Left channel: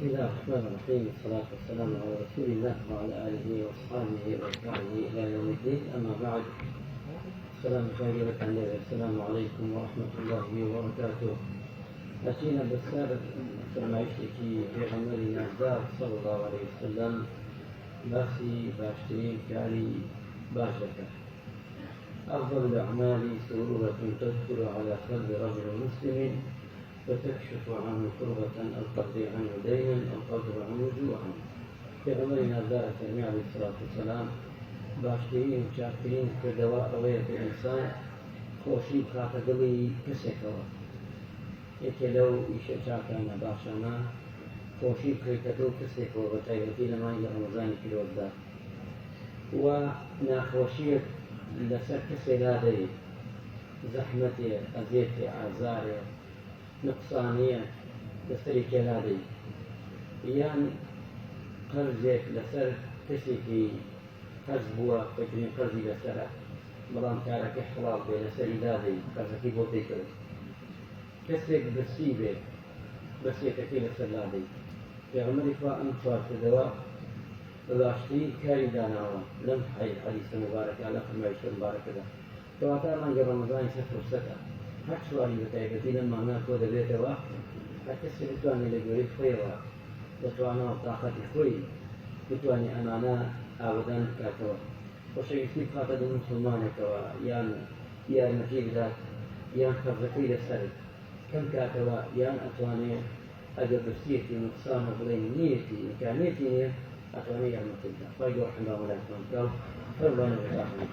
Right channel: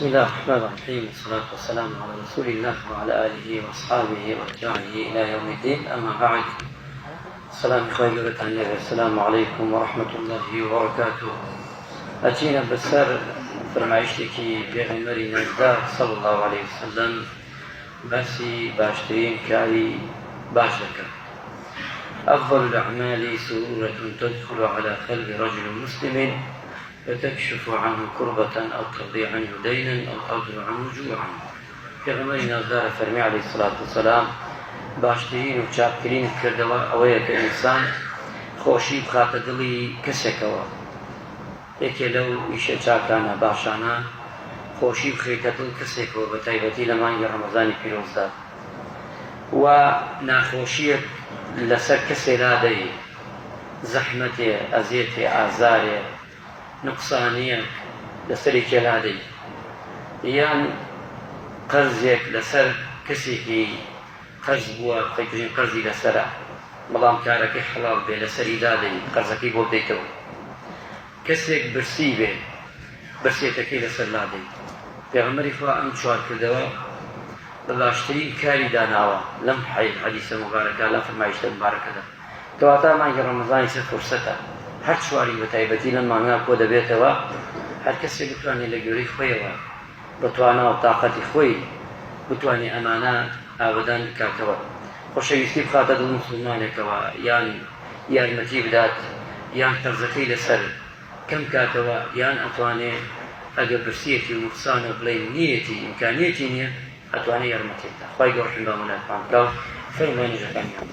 بسم الله الرحمن الرحيم، والصلاة والسلام على رسول الله وعلى آله وأصحابه وأتباعه إلى يوم الدين. أما بعد، السلام عليكم ورحمة الله وبركاته. أتينا بسر فرمایشتێکی پێغەمبەری نازدار صلى الله عليه وسلم باسی باشترین کاری باش دەکات. أفضل الأعمال سرورة تدخل على قلب رجل مسلم فتكشف عنه كربة أو تقضي عنه دينا أو تضر عنه جوعا. پێغەمبەری نازدار فەرمی عليه الصلاة والسلام باشترین و چاکترین کردەوە ئەوەیە کە ئینسان خۆشی بخاتە دڵی کەسێکەوە. یەکێ لەو ئیشە چاکانە باشانە خۆشی بخەیتە دڵ کەسێکەوە، بە تایبەتی لە مانگی ڕەمەزانی پیرۆزدا، و ناخۆشیەک لەسەر کەسێ لادەی، زەحمەتێ، ئەزیەتێ، ئازارێ، نقصانیەک لەسەری کێلادەی، یان قەرزێک لەسەر کەسێکی قەرز بووە، بخەیتوژین قەرزی لەسەرە، بەڵام کارەکەی حەڵاڵ بێ، لەسەری دادەی قەرزەکەی بۆ بدەیتەوە. کەسێک برسی بێ، برسێتەکەی لەسەر لادەی. پێغەمبەری خوا ئەم چوار کردەوە بە باشترین کاری داناوە لەم حەدیسە مبارەکە، لەم فەرمایشتە مبارەکەدا. کەواتە مانگی ڕەمەزانی سەر فورسەتە، هەر چواری بە تایبەتی لەم مانگا کۆ دەبێتەوە، هەر کەسێک بتوانێت لە گوێرەی خۆیەوە بتوانە و تاقەتی خۆی بتوانێت ئەمانە ئاوەدان بکاتەوە، خۆشەویستی بخاتە دڵ موسڵمانێکەوە، یان یارمەتی بدات، یان قەرزەکەی لەسەر کەم کاتەوە، یان ئەتوانێت ئەگەر برسیەتی و نوقسانە بڵێن نیەتی ئیمکانیەتی نییە، ئەتوانێت یارمەتی بدات. خوای گەورە ڕحمەتی بەمەلایەتمان بکات. فەرمووی نوێژەکانیان